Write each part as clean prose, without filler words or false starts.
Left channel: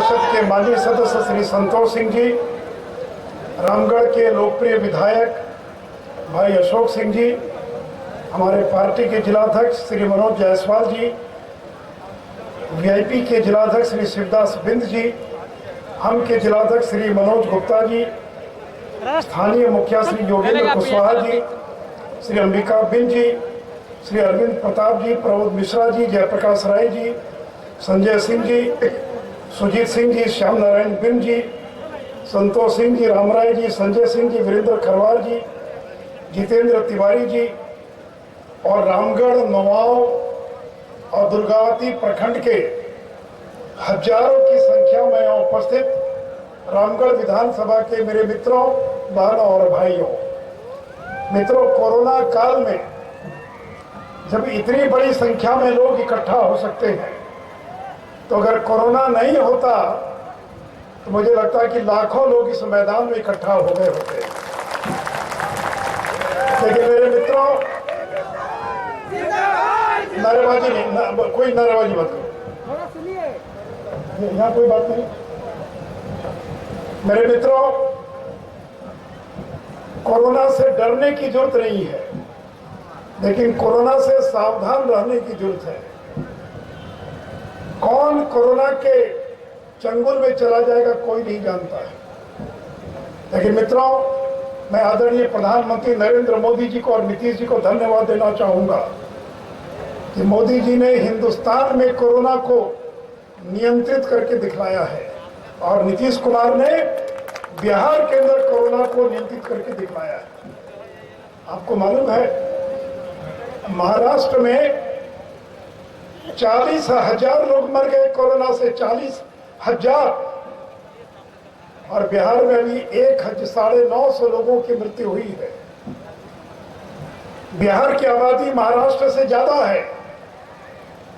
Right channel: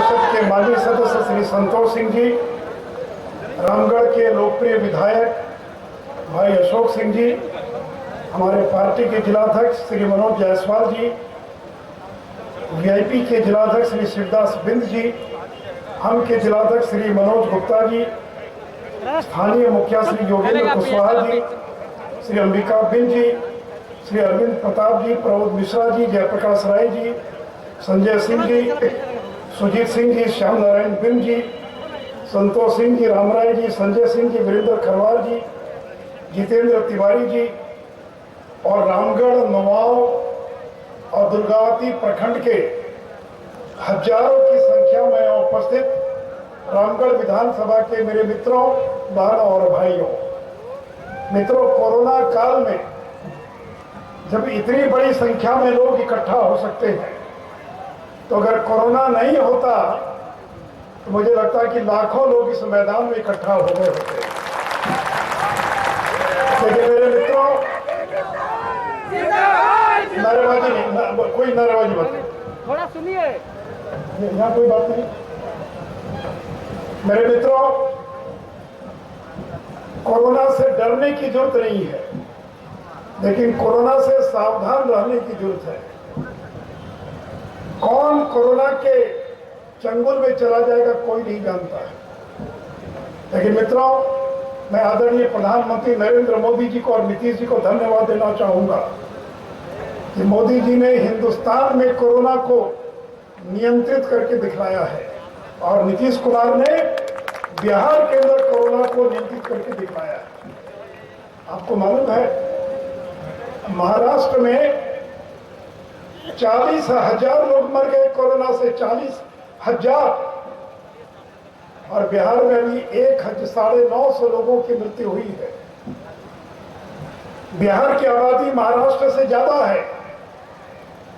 परिषद के माजी सदस्य श्री संतोष सिंह जी, रामगढ़ के लोकप्रिय विधायक भाई अशोक सिंह जी, हमारे पार्टी के जिलाध्यक्ष श्री मनोज जायसवाल जी, वीआईपी के जिलाध्यक्ष श्री शिवदास बिंद जी, हम के जिलाध्यक्ष श्री मनोज गुप्ता जी, स्थानीय मुखिया श्री योगेंद्र कुशवाहा जी, श्री अंबिका बिंद जी, श्री अरविंद प्रताप जी, प्रमोद मिश्रा जी, जयप्रकाश राय जी, संजय सिंह जी, सुजीत सिंह जी, श्याम नारायण बिंद जी, संतोष सिंह जी, रामराय जी, संजय सिंह जी, वीरेंद्र खरवार जी, जितेंद्र तिवारी जी और रामगढ़, नवाव और दुर्गावती प्रखंड के हजारों की संख्या में उपस्थित रामगढ़ विधानसभा के मेरे मित्रों, बहनों और भाइयों, मित्रों, कोरोना काल में जब इतनी बड़ी संख्या में लोग इकट्ठा हो सकते हैं, तो अगर कोरोना नहीं होता तो मुझे लगता है कि लाखों लोग इस मैदान में इकट्ठा हो गए होते। लेकिन मेरे मित्रों, नारेबाजी नहीं, कोई नारेबाजी मत करो, थोड़ा सुनिए, यहाँ कोई बात नहीं। मेरे मित्रों, कोरोना से डरने की जरूरत नहीं है, लेकिन कोरोना से सावधान रहने की जरूरत है। कौन कोरोना के चंगुल में चला जाएगा कोई नहीं जानता है। लेकिन मित्रों, मैं आदरणीय प्रधानमंत्री नरेंद्र मोदी जी को और नीतीश जी को धन्यवाद देना चाहूंगा कि मोदी जी ने हिंदुस्तान में कोरोना को नियंत्रित करके दिखलाया है और नीतीश कुमार ने बिहार के अंदर कोरोना को नियंत्रित करके दिखलाया है। आपको मालूम है, महाराष्ट्र में 40,000 लोग मर गए कोरोना से, 40,000, और बिहार में अभी 1,950 लोगों की मृत्यु हुई है। बिहार की आबादी महाराष्ट्र से ज्यादा है।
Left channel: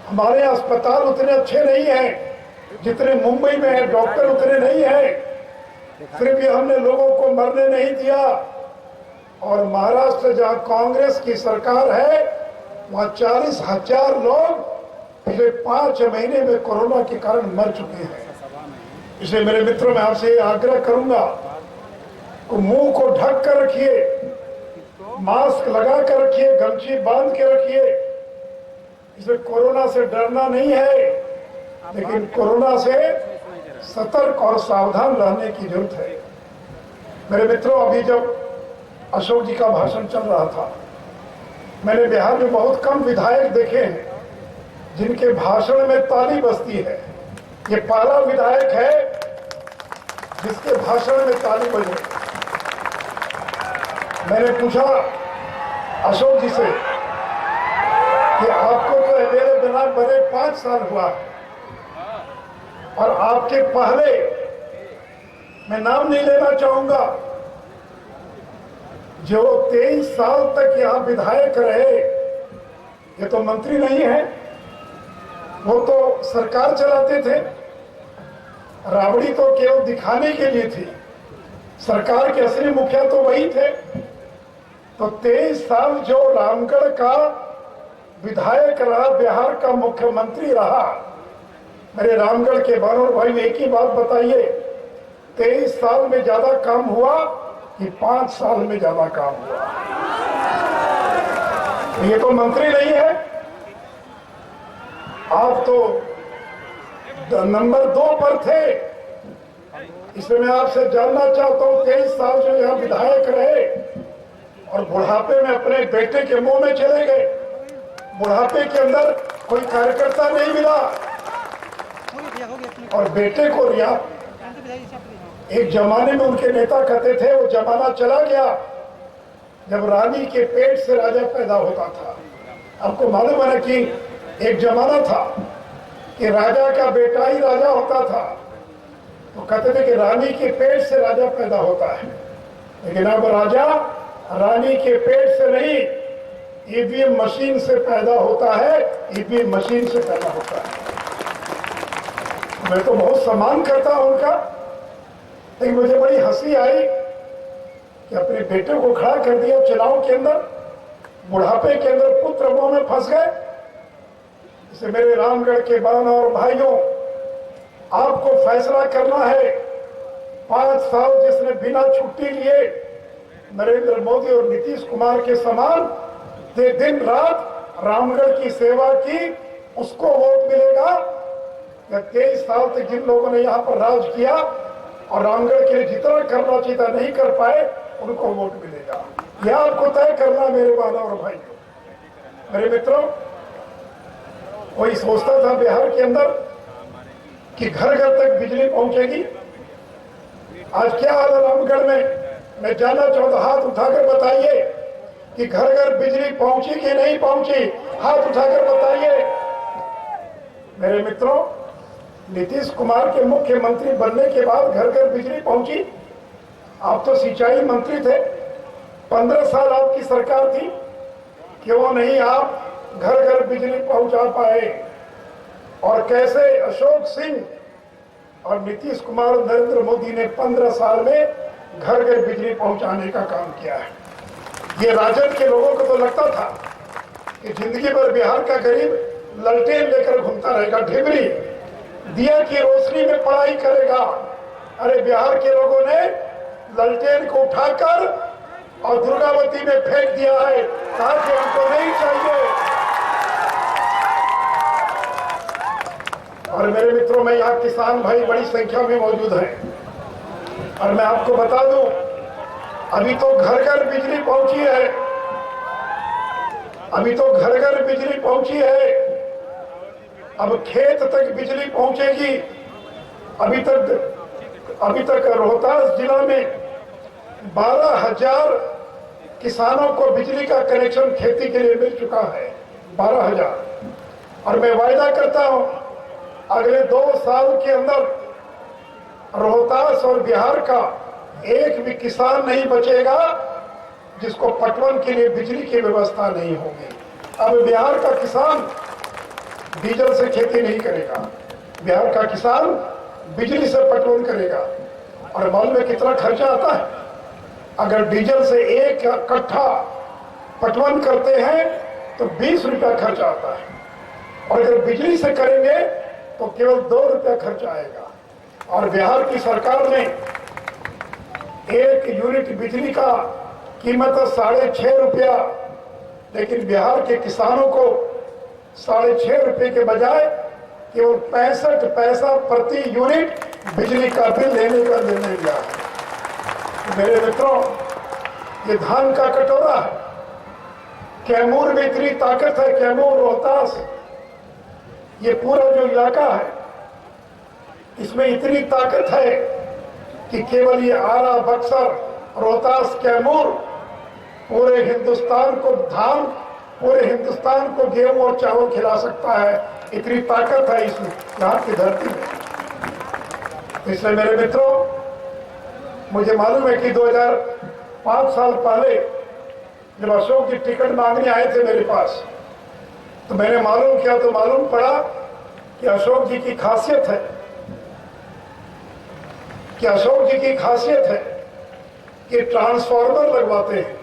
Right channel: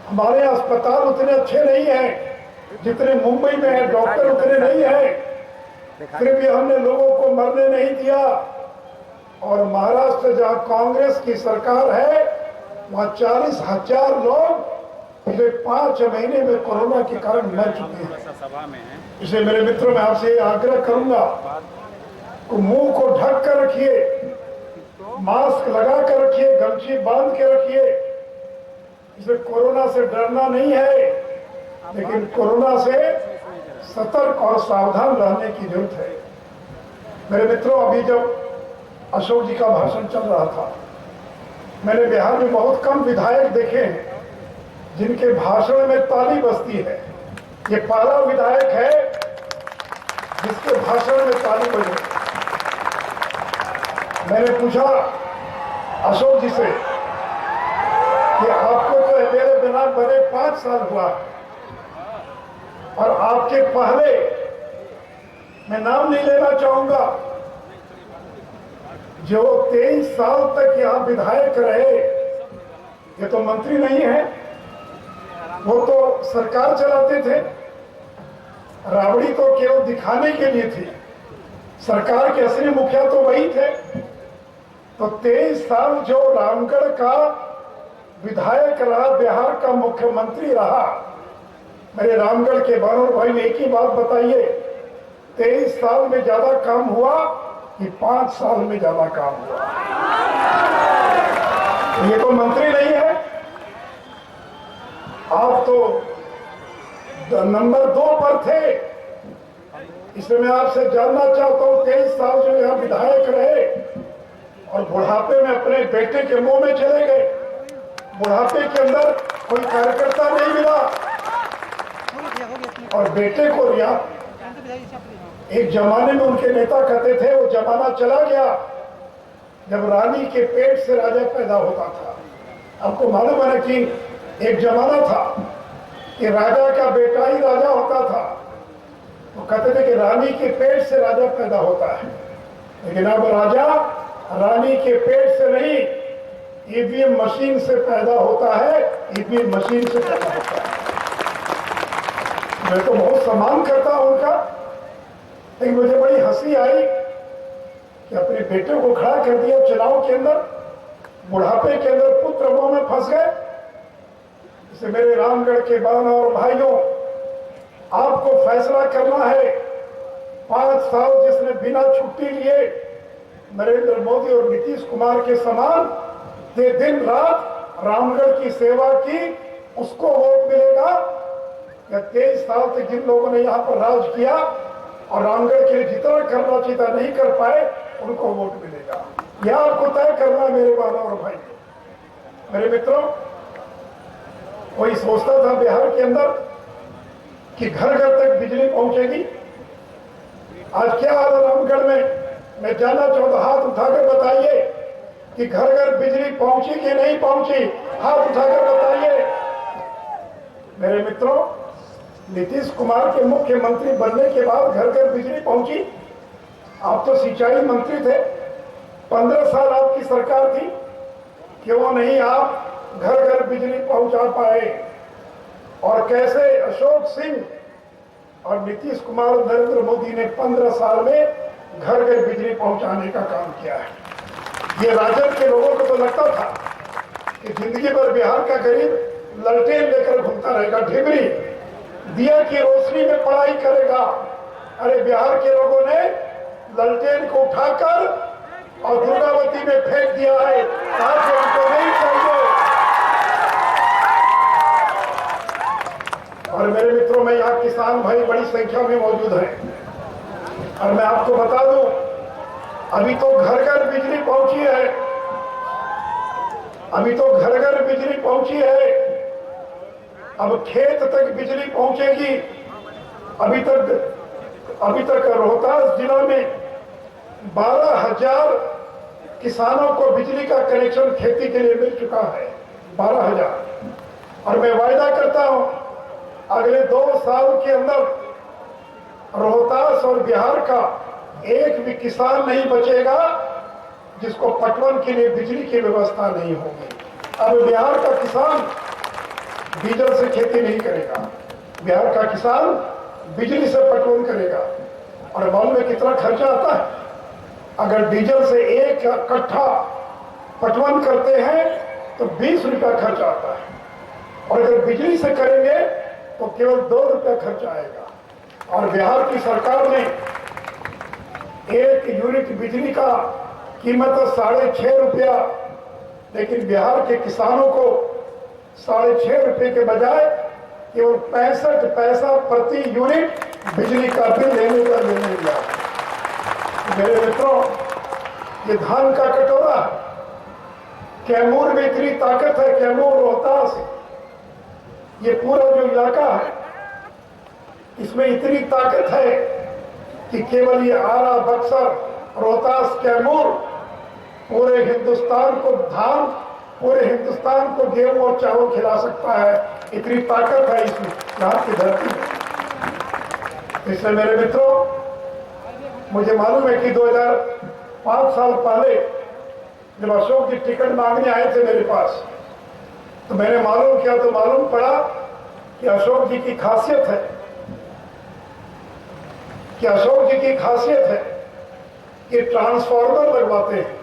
हमारे अस्पताल उतने अच्छे नहीं हैं जितने मुंबई में है, डॉक्टर उतने नहीं हैं, फिर भी हमने लोगों को मरने नहीं दिया। और महाराष्ट्र जहां कांग्रेस की सरकार है, वहां 40,000 लोग पिछले 5 महीने में कोरोना के कारण मर चुके हैं। इसलिए मेरे मित्रों, मैं आपसे आग्रह करूंगा कि मुंह को ढक कर रखिए, मास्क लगा कर रखिए, गमछी बांध के रखिए। इसमें कोरोना से डरना नहीं है, लेकिन कोरोना से सतर्क और सावधान रहने की जरूरत है। मेरे मित्रों, अभी जब अशोक जी का भाषण चल रहा था, मैंने बिहार में बहुत कम विधायक देखे हैं जिनके भाषण में ताली बजती है। ये पहला विधायक है जिसके भाषण में ताली बजे। मैंने पूछा अशोक जी से कि आपको तो मेरे बिना बने 5 साल हुआ और आपके पहले, मैं नाम नहीं लेना चाहूंगा, जो 23 साल तक यहां विधायक रहे, ये तो मंत्री नहीं है, वो तो सरकार चलाते थे। राबड़ी तो केवल दिखाने के लिए थी, सरकार के असली मुखिया तो वही थे। तो 23 साल जो रामगढ़ का विधायक रहा, बिहार का मुख्यमंत्री रहा, मेरे रामगढ़ के बहनों भाई एक ही बात बताइए, 23 साल में ज्यादा काम हुआ कि 5 साल में ज्यादा काम हुआ? ये तो मंत्री नहीं है। आप तो नंबर 2 पर थे। इसलिए मैं आपसे जानना चाहता हूं, 23 साल जो यहाँ विधायक रहे और बुढ़ापे में अपने बेटे के मुंह में चले गए, बुढ़ापे के अंदर कोई कार्यकर्ता नहीं मिला और बेटे को रिया। एक जमाने में उनके नेता कहते थे वो जमाना चला गया जब रानी के पेट से राजा पैदा होता था। आपको मालूम है कि एक जमाना था कि राजा का बेटा ही राजा होता था, तो कहते थे कि रानी के पेट से राजा पैदा होता है। लेकिन अब राजा रानी के पेट से नहीं, ईवीएम मशीन से पैदा होता है, ईवीएम मशीन से पैदा होता है। मैं तो बहुत सम्मान करता हूं उनका, लेकिन मुझे बड़ी हंसी आई कि अपने बेटे को खड़ा कर दिया चुनाव के अंदर, बुढ़ापे के अंदर पुत्र मुंह में फंस गए। इसे मेरे रामगढ़ के बहनों और भाइयों, आपको फैसला करना है। 5 साल जिसने बिना छुट्टी लिए नरेंद्र मोदी और नीतीश कुमार के समान दिन रात रामगढ़ की सेवा की, उसको वोट मिलेगा। या 23 साल तक जिन लोगों ने यहाँ पर राज किया और रामगढ़ के लिए जितना करना चाहिए नहीं कर पाए, उनको वोट मिलेगा। यह आपको तय करना मेरे बहनों और भाई। मेरे मित्रों, कोई सोचता था बिहार के अंदर कि घर घर तक बिजली पहुंचेगी। आज क्या हाल है रामगढ़ में? मैं जानना चाहता, हाथ उठाकर बताइए कि घर घर बिजली पहुंची कि नहीं पहुंची? हाथ उठाकर बताइए। मेरे मित्रों, नीतीश कुमार के मुख्यमंत्री बनने के बाद घर घर बिजली पहुंची। आप तो सिंचाई मंत्री थे, 15 साल आपकी सरकार थी, क्यों नहीं आप घर घर बिजली पहुंचा पाए? और कैसे अशोक सिंह और नीतीश कुमार और नरेंद्र मोदी ने 15 साल में घर घर बिजली पहुंचाने का काम किया है। ये राजद के लोगों को तो लगता था कि जिंदगी भर बिहार का गरीब ललटेन लेकर घूमता रहेगा, ढिबरी दिया की रोशनी में पढ़ाई करेगा। अरे बिहार के लोगों ने ललटेन को उठाकर और दुर्गावती में फेंक दिया है, कहा कि हमको नहीं चाहिए। और मेरे मित्रों में यहाँ किसान भाई बड़ी संख्या में मौजूद हैं और मैं आपको बता दूं, अभी तो घर घर बिजली पहुंची है। अभी तो घर घर बिजली पहुंची है। अब खेत तक बिजली पहुंचेगी। अभी तक रोहतास जिला में 12,000 किसानों को बिजली का कनेक्शन खेती के लिए मिल चुका है। 12,000। और मैं वायदा करता हूं, अगले 2 साल के अंदर रोहतास और बिहार का एक भी किसान नहीं बचेगा जिसको पटवन के लिए बिजली की व्यवस्था नहीं होगी। अब बिहार का किसान डीजल से खेती नहीं करेगा, बिहार का किसान बिजली से पटवन करेगा। और मालूम में कितना खर्चा आता है? अगर डीजल से 1 कट्ठा पटवन करते हैं तो 20 रुपया खर्चा आता है, और अगर बिजली से करेंगे तो केवल 2 रुपया खर्चा आएगा। और बिहार की सरकार ने 1 यूनिट बिजली का कीमत 6.5 रुपया, लेकिन बिहार के किसानों को 6.5 रुपये के बजाय केवल 65 पैसा प्रति यूनिट बिजली का बिल लेने का निर्णय लिया है। मेरे मित्रों, ये धान का कटोरा है। कैमूर में इतनी ताकत है, कैमूर रोहतास ये पूरा जो इलाका है, इसमें इतनी ताकत है कि केवल ये आरा, बक्सर, रोहतास, कैमूर पूरे हिंदुस्तान को धान, पूरे हिंदुस्तान को गेहूं और चावल खिला सकता है। इतनी ताकत है इसमें, यहाँ की धरती में। इसलिए मेरे मित्रों, मुझे मालूम है कि 2005 साल पहले जब अशोक जी टिकट मांगने आए थे मेरे पास, तो मैंने मालूम किया तो मालूम पड़ा कि अशोक जी की खासियत है कि ट्रांसफार्मर लगवाते हैं।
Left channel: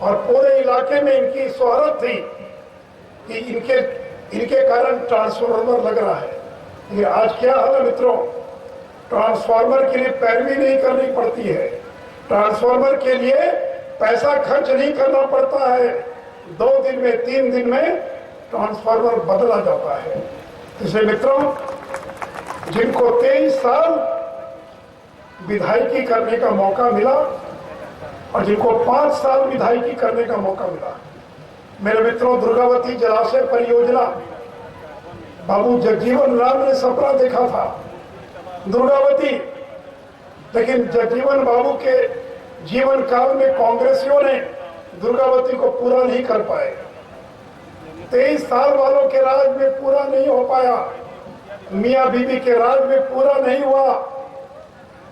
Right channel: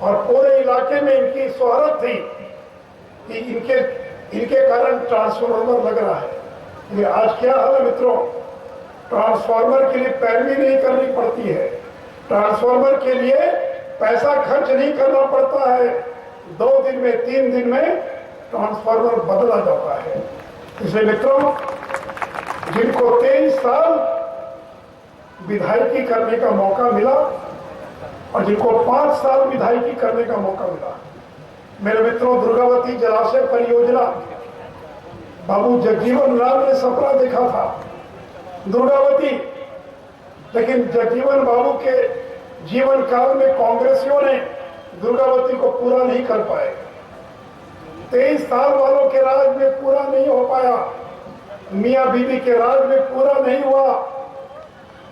और पूरे इलाके में इनकी शोहरत थी कि इनके कारण ट्रांसफार्मर लग रहा है। लेकिन आज क्या हाल है मित्रों, ट्रांसफार्मर के लिए पैरवी नहीं करनी पड़ती है, ट्रांसफार्मर के लिए पैसा खर्च नहीं करना पड़ता है। 2 दिन में 3 दिन में ट्रांसफार्मर बदला जाता है। इसलिए मित्रों, जिनको 23 साल विधायकी करने का मौका मिला और जिनको 5 साल विधायकी करने का मौका मिला, मेरे मित्रों, दुर्गावती जलाशय परियोजना बाबू जगजीवन राम ने सपना देखा था दुर्गावती, लेकिन जगजीवन बाबू के जीवन काल में कांग्रेसियों ने दुर्गावती को पूरा नहीं कर पाए। 23 साल वालों के राज में पूरा नहीं हो पाया, मियां बीबी के राज में पूरा नहीं हुआ।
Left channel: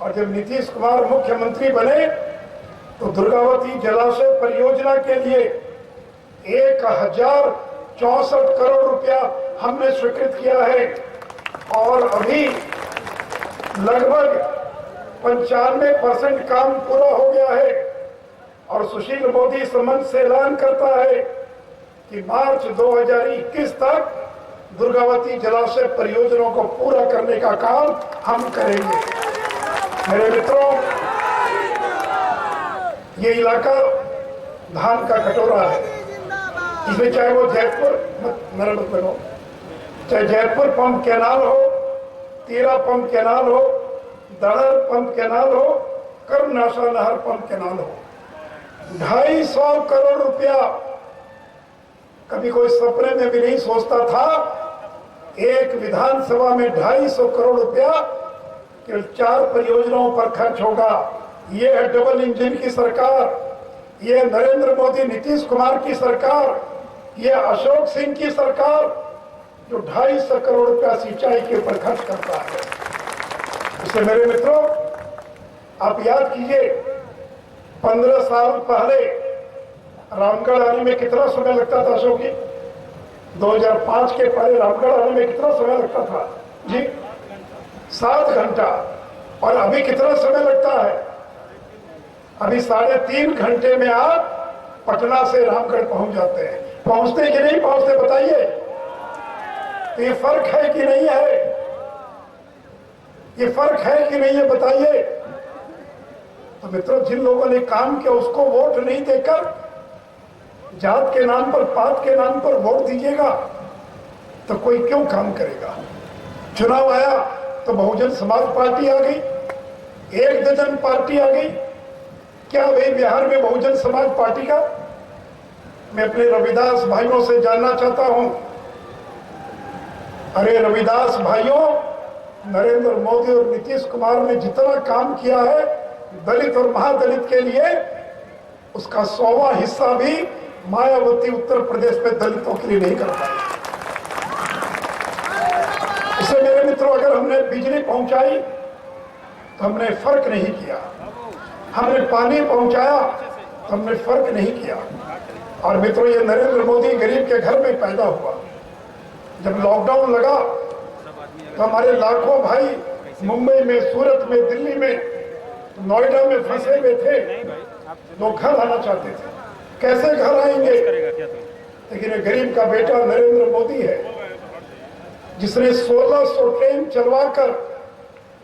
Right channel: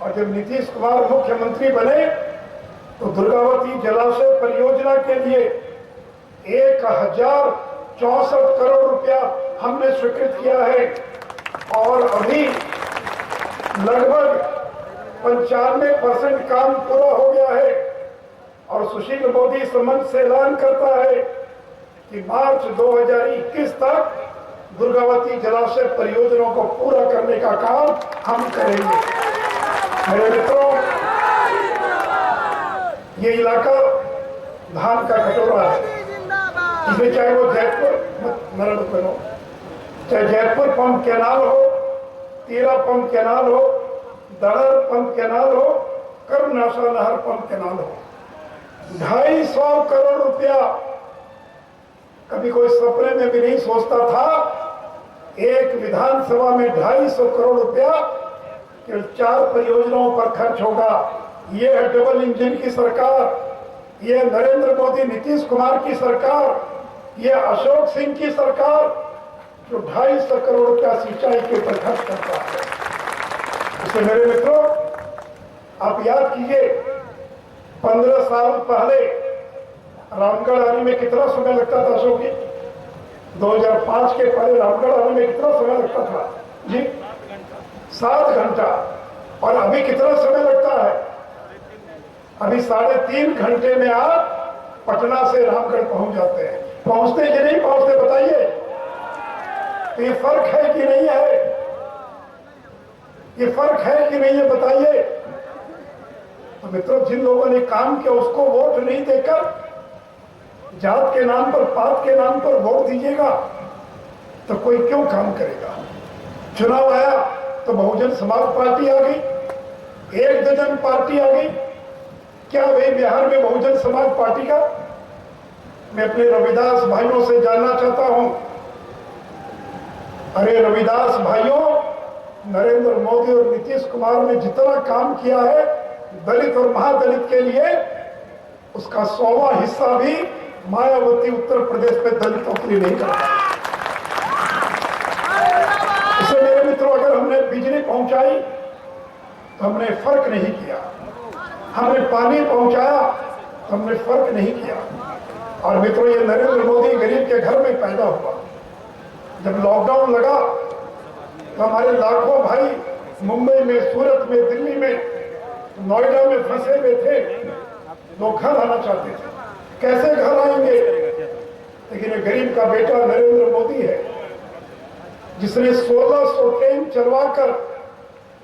और जब नीतीश कुमार मुख्यमंत्री बने तो दुर्गावती जलाशय परियोजना के लिए 1064 करोड़ रुपया हमने स्वीकृत किया है। और अभी लगभग 95% काम पूरा हो गया है। और सुशील मोदी इस मंच से ऐलान करता है कि मार्च 2021 तक दुर्गावती जलाशय परियोजनाओं को पूरा करने का काम हम करेंगे। मेरे मित्रों, ये इलाका धान का कटोरा है। इसमें चाहे वो जयपुर चाहे जयपुर पंप कैनाल हो, तीरा पंप कैनाल हो, दड़र पंप कैनाल हो, कर्मनाशा नहर पंप कैनाल हो, 250 करोड़ रुपया कभी कोई सपने में भी नहीं सोचता था। एक विधानसभा में 250 करोड़ रुपया केवल 4 परियोजनाओं पर खर्च होगा। ये है डबल इंजन की सरकार, ये नरेंद्र मोदी नीतीश कुमार की सरकार, ये अशोक सिंह की सरकार जो 250 करोड़ रुपया सिंचाई के ऊपर खर्च करता है। इसलिए मेरे मित्रों, आप याद कीजिए 15 साल पहले रामगढ़ आने में कितना समय लगता था अशोक जी? 2005 के पहले रामगढ़ आने में कितना समय लगता था जी? 7 घंटा। और अभी कितना समय लगता है? अभी 3.5 घंटे में आप पटना से रामगढ़ पहुंच जाते हैं। पहुंचते कि नहीं पहुंचते बताइए? तो ये फर्क है कि नहीं है? ये फर्क है कि नहीं है बताइए? तो मित्रों, जिन लोगों ने काम किया उसको वोट नहीं देकर जात के नाम पर, पात के नाम पर वोट दीजिएगा तो कोई क्यों काम करेगा? चुनाव आया तो बहुजन समाज पार्टी आ गई, 1 दर्जन पार्टी आ गई। क्या भाई बिहार में बहुजन समाज पार्टी का? मैं अपने रविदास भाइयों से जानना चाहता हूं, अरे रविदास भाइयों, नरेंद्र मोदी और नीतीश कुमार ने जितना काम किया है दलित और महादलित के लिए, उसका 100वां हिस्सा भी मायावती उत्तर प्रदेश में दलितों के लिए नहीं कर पाई। इसलिए मेरे मित्रों, अगर हमने बिजली पहुंचाई तो हमने फर्क नहीं किया, हमने पानी पहुंचाया तो हमने फर्क नहीं किया। और मित्रों, ये नरेंद्र मोदी गरीब के घर में पैदा हुआ। जब लॉकडाउन लगा तो हमारे लाखों भाई मुंबई में, सूरत में, दिल्ली में, नोएडा में फंसे हुए थे। लोग घर आना चाहते थे, कैसे घर आएंगे? लेकिन ये गरीब का बेटा नरेंद्र मोदी है जिसने 1600 ट्रेन चलवाकर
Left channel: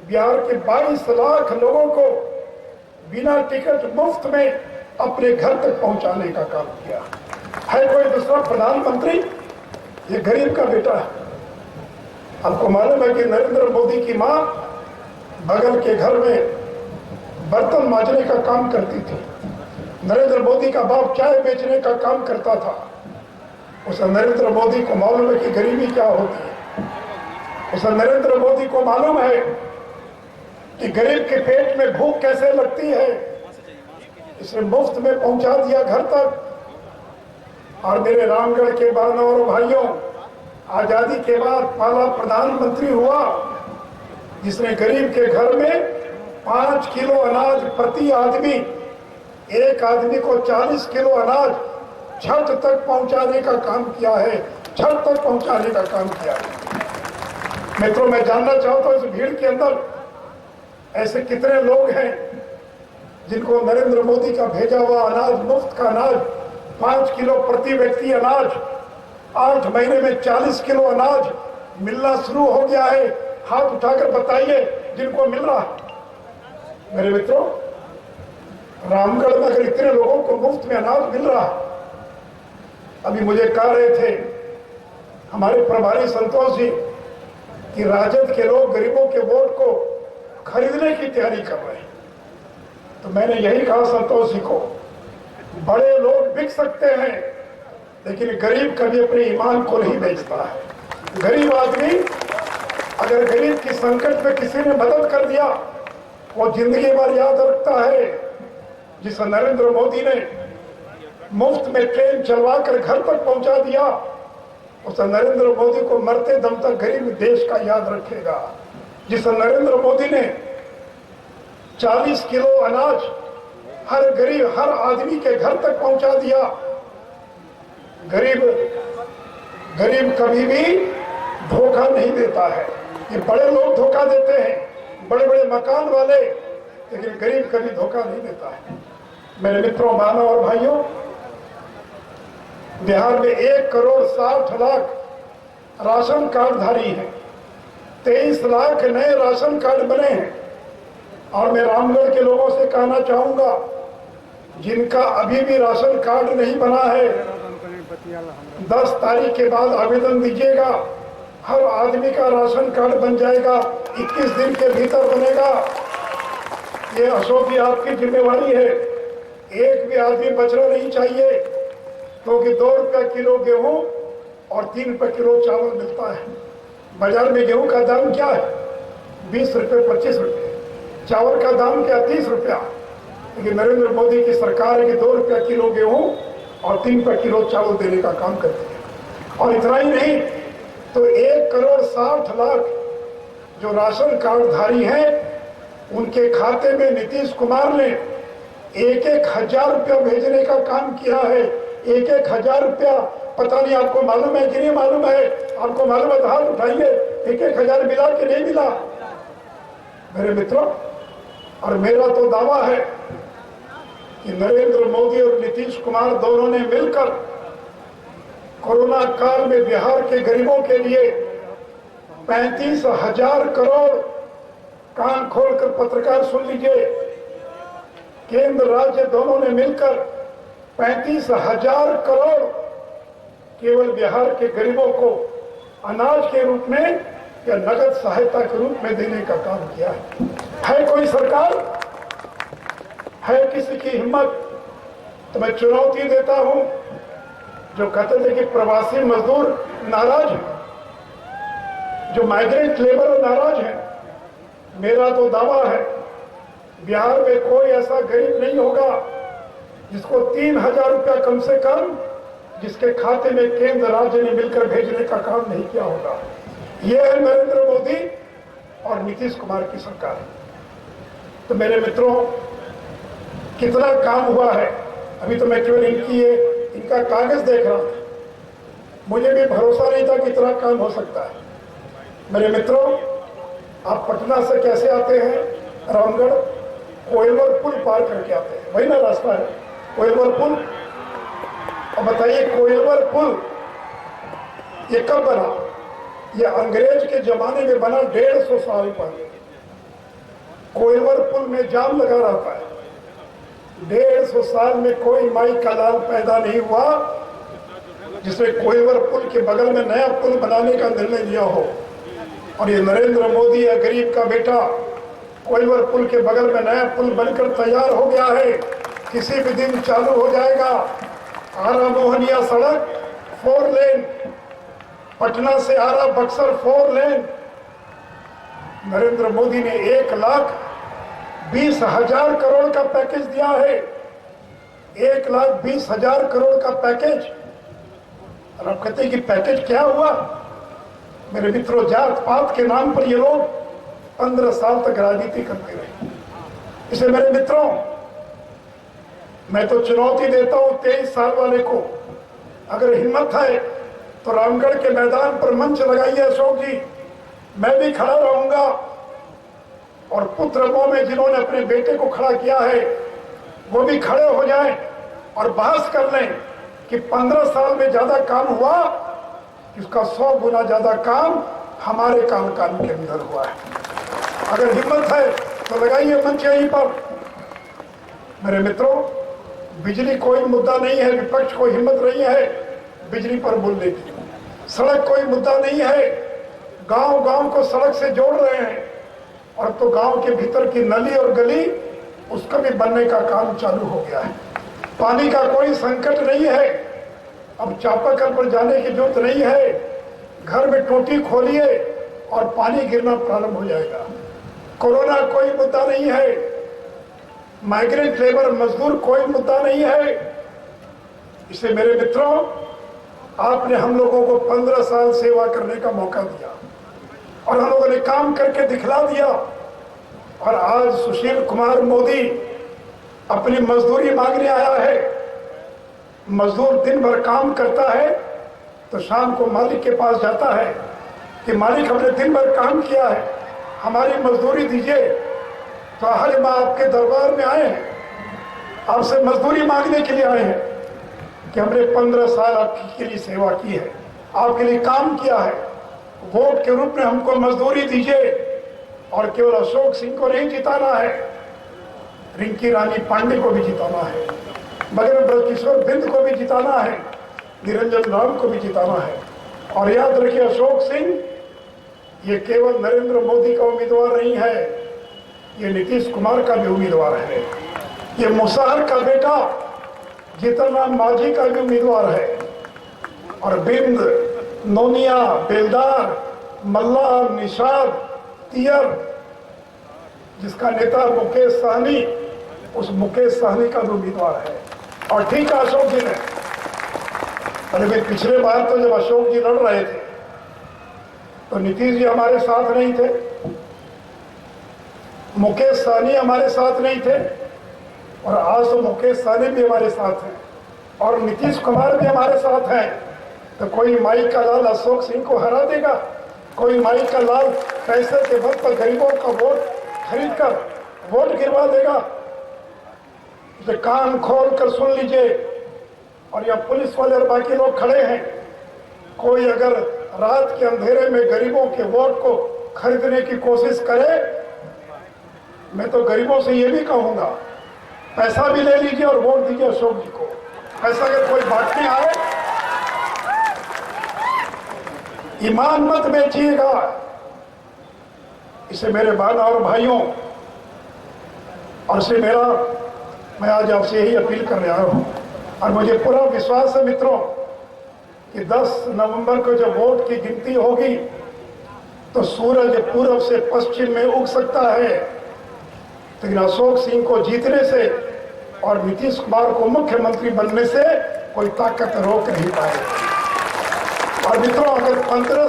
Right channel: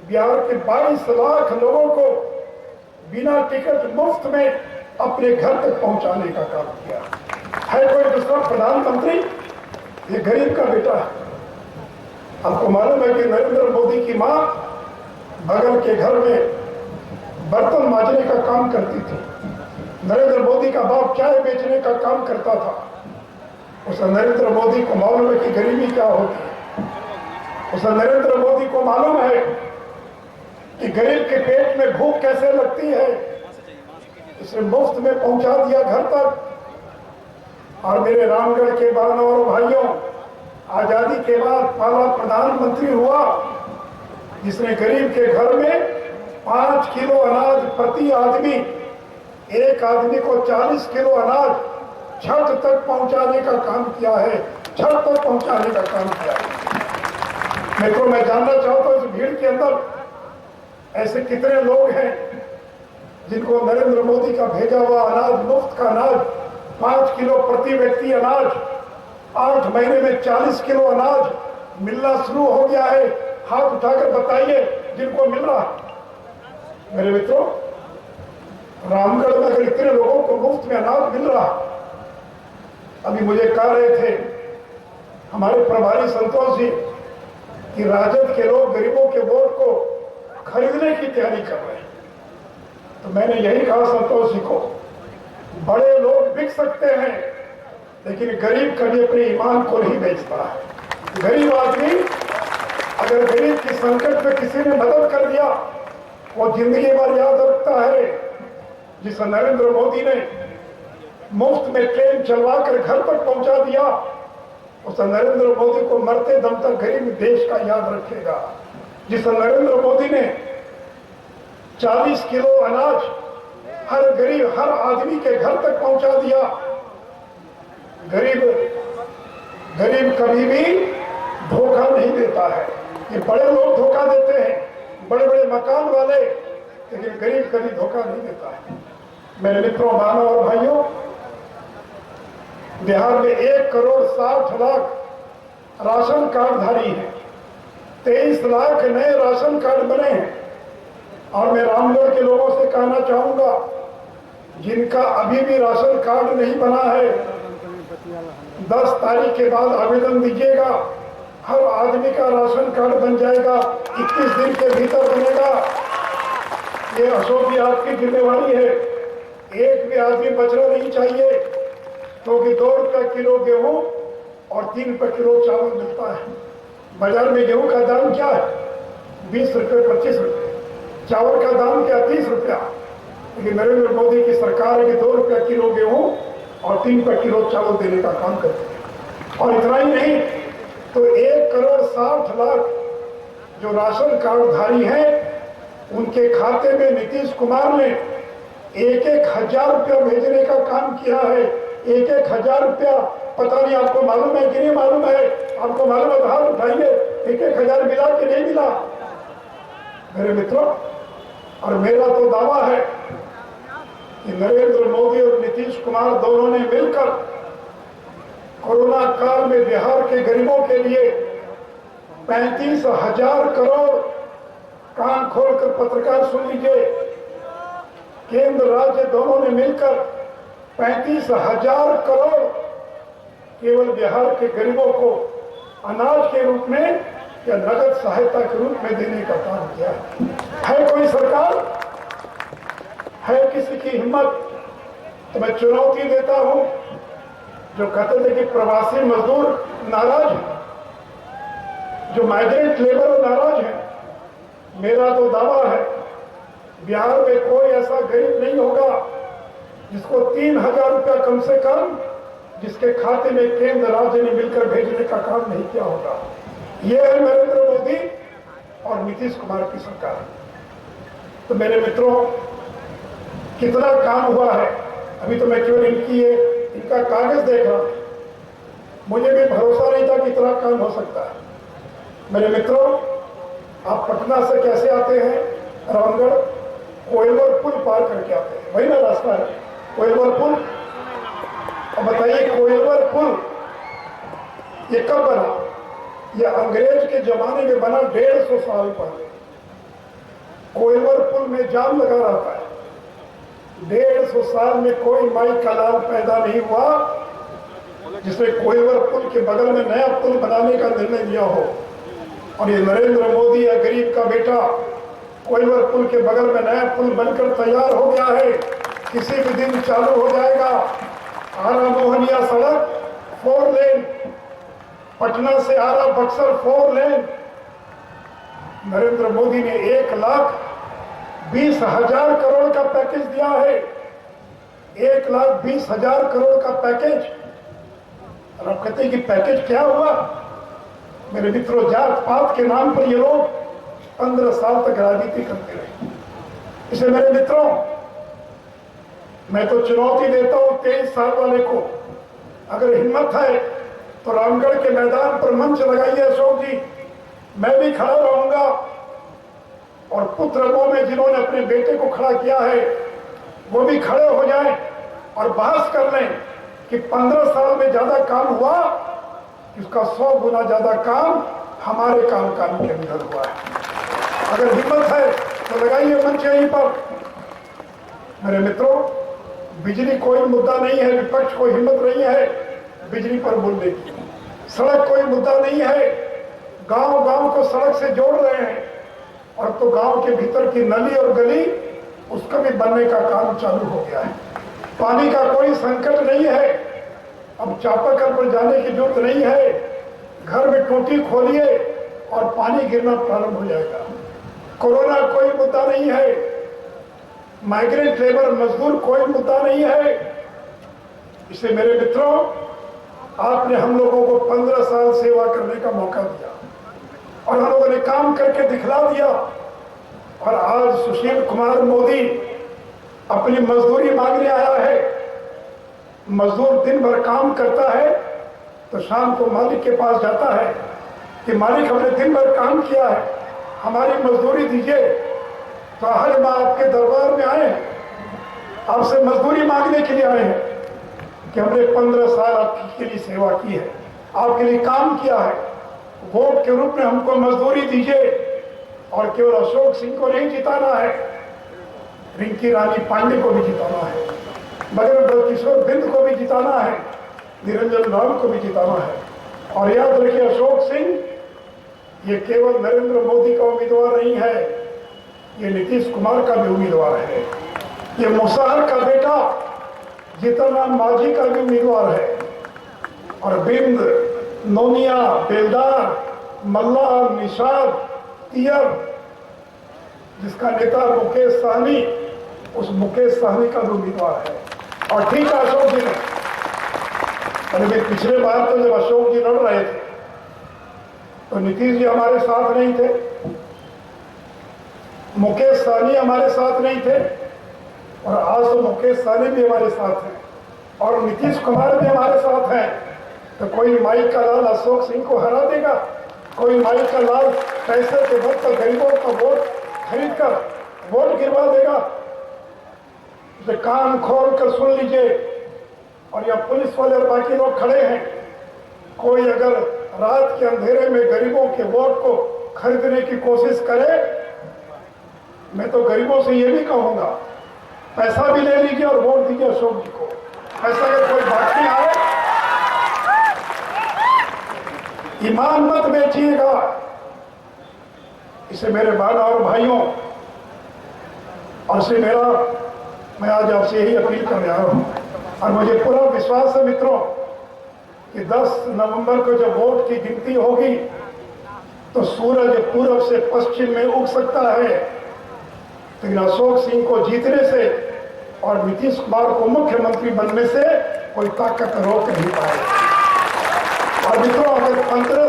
बिहार के 22 लाख लोगों को बिना टिकट मुफ्त में अपने घर तक पहुंचाने का काम किया है। कोई दूसरा प्रधानमंत्री? ये गरीब का बेटा है। आपको मालूम है कि नरेंद्र मोदी की मां बगल के घर में बर्तन मांजने का काम करती थी। नरेंद्र मोदी का बाप चाय बेचने का काम करता था। उस नरेंद्र मोदी को मालूम है कि गरीबी क्या होती है। उस नरेंद्र मोदी को मालूम है कि गरीब के पेट में भूख कैसे लगती है। इसे मुफ्त में पहुंचा दिया घर तक। और मेरे रामगढ़ के बहनों और भाइयों, आजादी के बाद पहला प्रधानमंत्री हुआ जिसने गरीब के घर में 5 किलो अनाज प्रति आदमी, एक आदमी को 40 किलो अनाज छत तक पहुंचाने का काम किया है। छत तक पहुंचाने का काम किया है। मित्रों, मैं जानना चाहता हूं इस भीड़ के अंदर ऐसे कितने लोग हैं जिनको नरेंद्र मोदी का भेजा हुआ अनाज, मुफ्त का अनाज, 5 किलो प्रति व्यक्ति अनाज, 8 महीने में 40 किलो अनाज मिलना शुरू हो गया है। हाथ उठाकर बताइए जिनको मिल रहा है। मेरे मित्रों, रामगढ़ में अगर इतने लोगों को मुफ्त में अनाज मिल रहा, अभी मुझे कह रहे थे हमारे प्रभारी संतोष जी कि राजद के लोग गरीबों के वोट को खरीदने की तैयारी कर रहे हैं। तो मैंने यही कहा संतोष जी को, बड़े लोग बिक सकते हैं लेकिन गरीब कभी अपने ईमान को नहीं बेचता है। गरीब आदमी अगर गरीब की संकट में किसी ने मदद कर दिया, वो जिंदगी भर याद रखता है। जिस नरेंद्र मोदी ने मुफ्त में ट्रेन चलवा कर घर तक पहुंचा दिया, उस नरेंद्र मोदी को मरते दम तक गरीब देश का याद रखेगा। जिस नरेंद्र मोदी ने 40 किलो अनाज हर गरीब, हर आदमी के घर तक पहुंचा दिया, गरीब कभी भी धोखा नहीं देता है। ये बड़े लोग धोखा देते हैं, बड़े बड़े मकान वाले, लेकिन गरीब कभी धोखा नहीं देता है। मेरे मित्रों, बहनों और भाइयों, बिहार में 1 करोड़ 60 लाख राशन कार्डधारी हैं। 23 लाख नए राशन कार्ड बने हैं। और मैं रामगढ़ के लोगों से कहना चाहूंगा, जिनका अभी भी राशन कार्ड नहीं बना है, 10 तारीख के बाद आवेदन दीजिएगा। हर आदमी का राशन कार्ड बन जाएगा, 21 दिन के भीतर बनेगा। ये अशोक जी आपकी जिम्मेवारी है। एक भी आदमी बचना नहीं चाहिए, क्योंकि 2 रुपया किलो गेहूं और 3 रुपये किलो चावल मिलता है। बाजार में गेहूं का दाम क्या है? 20 रुपये, 25 रुपये। चावल का दाम क्या? 30 रुपया। लेकिन नरेंद्र मोदी की सरकार है कि 2 रुपया किलो गेहूं और 3 रुपये किलो चावल देने का काम करती है। और इतना ही नहीं, तो 1,60,00,000 जो राशन कार्डधारी हैं, उनके खाते में नीतीश कुमार ने 1-1 हजार रुपया भेजने का काम किया है। 1-1 हजार रुपया। पता नहीं आपको मालूम है कि नहीं मालूम है? आपको मालूम है तो हाथ उठाइए। 1-1 हजार मिला कि नहीं मिला मेरे मित्रों? और मेरा तो दावा है कि नरेंद्र मोदी और नीतीश कुमार दोनों ने मिलकर कोरोना काल में बिहार के गरीबों के लिए 35,000 करोड़, कान खोलकर पत्रकार सुन लीजिए, केंद्र राज्य दोनों ने मिलकर 35,000 करोड़ केवल बिहार के गरीबों को अनाज के रूप में या नगद सहायता के रूप में देने का काम किया है। कोई सरकार है किसी की हिम्मत? तो मैं चुनौती देता हूं, जो कहते थे कि प्रवासी मजदूर नाराज हैं, जो माइग्रेंट लेबर नाराज हैं, मेरा तो दावा है बिहार में कोई ऐसा गरीब नहीं होगा जिसको 3,000 रुपया कम से कम जिसके खाते में केंद्र राज्य ने मिलकर भेजने का काम नहीं किया होगा। यह है नरेंद्र मोदी और नीतीश कुमार की सरकार। तो मेरे मित्रों, कितना काम हुआ है, अभी तो मैं केवल इनका कागज देख रहा था। मुझे भी भरोसा नहीं था कि इतना काम हो सकता है। मेरे मित्रों, आप पटना से कैसे आते हैं? रामगढ़ कोइलवर पुल पार करके आते हैं, वही ना रास्ता है कोइलवर पुल। और बताइए, कोइलवर पुल ये कब बना? ये अंग्रेज के जमाने में बना, 150 साल पहले। कोइलवर पुल में जाम लगा रहता है। 150 साल में कोई माई का लाल पैदा नहीं हुआ जिसने कोइलवर पुल के बगल में नया पुल बनाने का निर्णय लिया हो। और ये नरेंद्र मोदी है, गरीब का बेटा, कोइलवर पुल के बगल में नया पुल बनकर तैयार हो गया है। किसी भी दिन चालू हो जाएगा। आरा मोहनिया सड़क 4 लेन, पटना से आरा बक्सर 4 लेन। नरेंद्र मोदी ने 1,20,000 करोड़ का पैकेज दिया है। 1,20,000 करोड़ का पैकेज। और आप कहते हैं कि पैकेज क्या हुआ? मेरे मित्रों, जात पात के नाम पर ये लोग 15 साल तक राजनीति करते रहे। इसलिए मेरे मित्रों, मैं तो चुनौती देता हूं 23 साल वाले को, अगर हिम्मत है तो रामगढ़ के मैदान पर मंच लगाइए अशोक जी, मैं भी खड़ा रहूंगा। और पुत्रमों में जिन्होंने अपने बेटे को खड़ा किया है वो भी खड़े हो जाएं और बहस कर लें कि 15 साल में ज्यादा काम हुआ, इसका 100 गुना ज्यादा काम हमारे कार्यकाल के अंदर हुआ है। अगर हिम्मत है तो लगाइए मंच यहीं पर। मेरे मित्रों, बिजली कोई मुद्दा नहीं है, विपक्ष को हिम्मत नहीं है बिजली पर बोलने की। सड़क कोई मुद्दा नहीं है, गांव गांव को सड़क से जोड़ रहे हैं। और तो गांव के भीतर की नली और गली उसका भी बनने का काम चालू हो गया है। पानी का कोई संकट नहीं है, अब चापाकल पर जाने की जरूरत नहीं है। घर में टूटी खोलिए और पानी गिरना प्रारंभ हो जाएगा। कोरोना कोई मुद्दा नहीं है, माइग्रेंट लेबर मजदूर कोई मुद्दा नहीं है। इसलिए मेरे मित्रों, आपने हम लोगों को 15 साल सेवा करने का मौका दिया और हम लोगों ने काम करके दिखला दिया। और आज सुशील कुमार मोदी अपनी मजदूरी मांगने आया है। मजदूर दिन भर काम करता है तो शाम को मालिक के पास जाता है कि मालिक, हमने दिन भर काम किया है, हमारी मजदूरी दीजिए। तो हर माँ आपके दरबार में आए हैं, आपसे मजदूरी मांगने के लिए आए हैं कि हमने 15 साल आपके लिए सेवा की है, आपके लिए काम किया है। वोट के रूप में हमको मजदूरी दीजिए और केवल अशोक सिंह को नहीं जिताना है, रिंकी रानी पांडे को भी जिताना है, मगर ब्रजकिशोर बिंद को भी जिताना है, निरंजन राव को भी जिताना है। और याद रखिए, अशोक सिंह ये केवल नरेंद्र मोदी का उम्मीदवार नहीं है, ये नीतीश कुमार का भी उम्मीदवार है। ये मुसहर का बेटा जीतन राम मांझी का भी उम्मीदवार है। और बिंद, नोनिया, बेलदार, मल्ला, निषाद, तियर, जिसका नेता मुकेश सहनी, उस मुकेश सहनी का भी उम्मीदवार है। और ठीक है, अशोक जी ने, अरे पिछले बार तो जब अशोक जी लड़ रहे थे तो नीतीश जी हमारे साथ नहीं थे, मुकेश सहनी हमारे साथ नहीं थे, और आज तो मुकेश सहनी भी हमारे साथ हैं और नीतीश कुमार भी हमारे साथ हैं। तो कोई माई का लाल अशोक सिंह को हरा देगा? कोई माई का लाल पैसे के बल पर गरीबों का वोट खरीद कर वोट गिरवा देगा? इसे कान खोल कर सुन लीजिए। और यहाँ पुलिस वाले और बाकी लोग खड़े हैं, कोई अगर रात के अंधेरे में गरीबों के वोट को खरीदने की कोशिश करे, मैं तो गरीबों से ये भी कहूंगा, पैसा भी ले लीजिए और वोट दीजिए अशोक जी को। ऐसा अगर कोई बाकी आए, ईमान मत बेचिएगा। इसे मेरे बहन और भाइयों, और से मैं आज आपसे यही अपील करने आया हूं। और मुझे पूरा विश्वास है मित्रों कि 10 नवंबर को जब वोट की गिनती होगी तो सूरज पूर्व से पश्चिम में उग सकता है, लेकिन अशोक सिंह को जीतने से और नीतीश कुमार को मुख्यमंत्री बनने से कोई ताकत रोक नहीं पाएगी। और मित्रों, अगर 15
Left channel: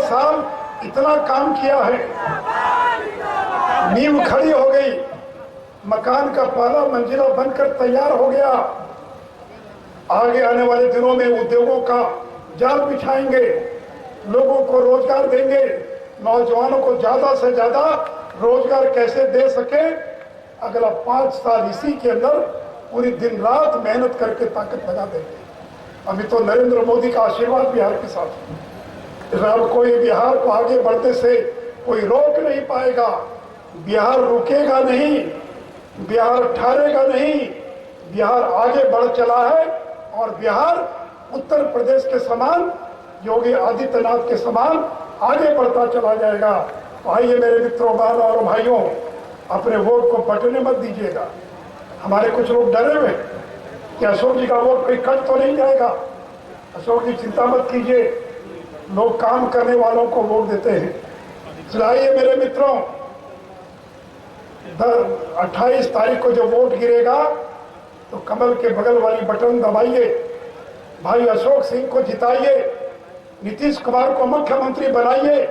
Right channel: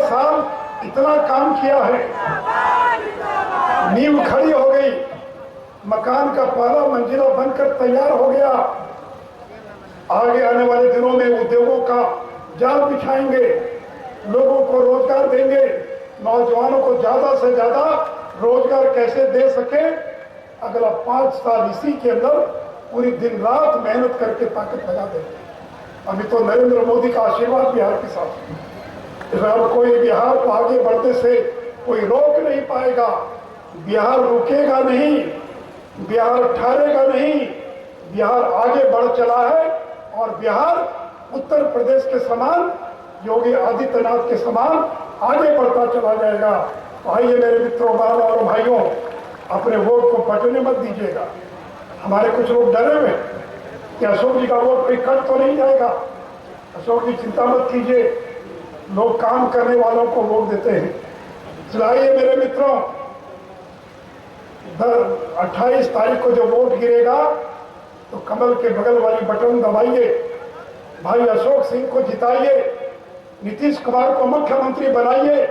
साल इतना काम किया है, नींव खड़ी हो गई, मकान का पहला मंजिला बनकर तैयार हो गया, आगे आने वाले दिनों में उद्योगों का जाल बिछाएंगे, लोगों को रोजगार देंगे, नौजवानों को ज्यादा से ज्यादा रोजगार कैसे दे सके, अगला 5 साल इसी के अंदर पूरी दिन रात मेहनत करके ताकत लगा देंगे। अभी तो नरेंद्र मोदी का आशीर्वाद बिहार के साथ है। अब कोई बिहार को आगे बढ़ने से कोई रोक नहीं पाएगा। बिहार रुकेगा नहीं, बिहार ठहरेगा नहीं, बिहार आगे बढ़ चला है और बिहार उत्तर प्रदेश के समान, योगी आदित्यनाथ के समान आगे बढ़ता चला जाएगा। तो आइए मेरे मित्रों, बहनों और भाइयों, अपने वोट को बटने मत दीजिएगा। हमारे कुछ लोग डरे हुए कि अशोक जी का वोट कोई कट तो नहीं जाएगा। अशोक जी चिंता मत कीजिए, लोग काम करने वालों को वोट देते हैं। चलाइए मेरे मित्रों, 28 तारीख को जो वोट गिरेगा तो कमल के बगल वाली बटन दबाइए, भाई अशोक सिंह को जिताइए, नीतीश कुमार को मुख्यमंत्री बनाइए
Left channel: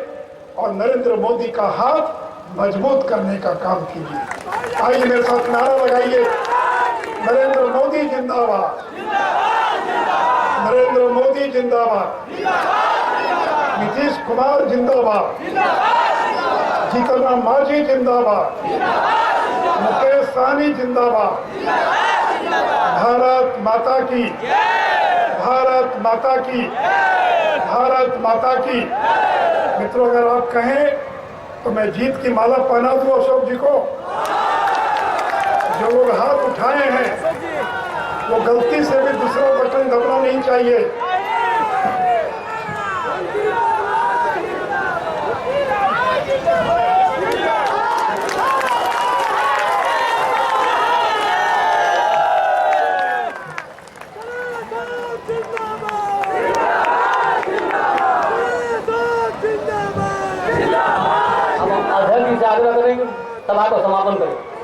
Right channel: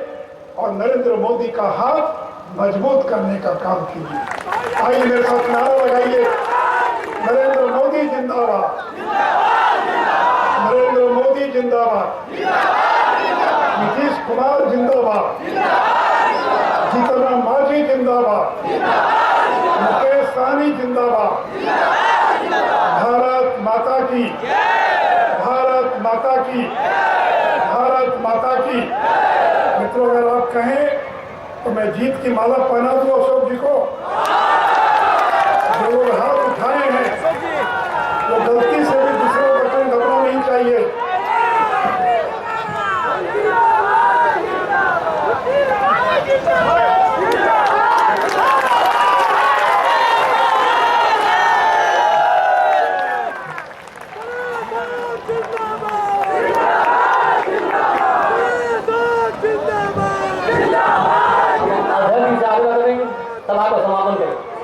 और नरेंद्र मोदी का हाथ मजबूत करने का काम कीजिए। आइए मेरे साथ नारा लगाइए, नरेंद्र मोदी जिंदाबाद, नरेंद्र मोदी जिंदाबाद, नीतीश कुमार जिंदाबाद, जीतन राम मांझी जिंदाबाद, मुकेश सहनी जिंदाबाद। भारत माता की, भारत माता की, भारत माता की। मित्रों, अगर आप कहें तो मैं जीत की माला पहना दूं अशोक जी को। जो लोग हाथ उठाए हैं वो गलती से भी दूसरा बटन दबाना नहीं चाहिए। सभा को समापन करें।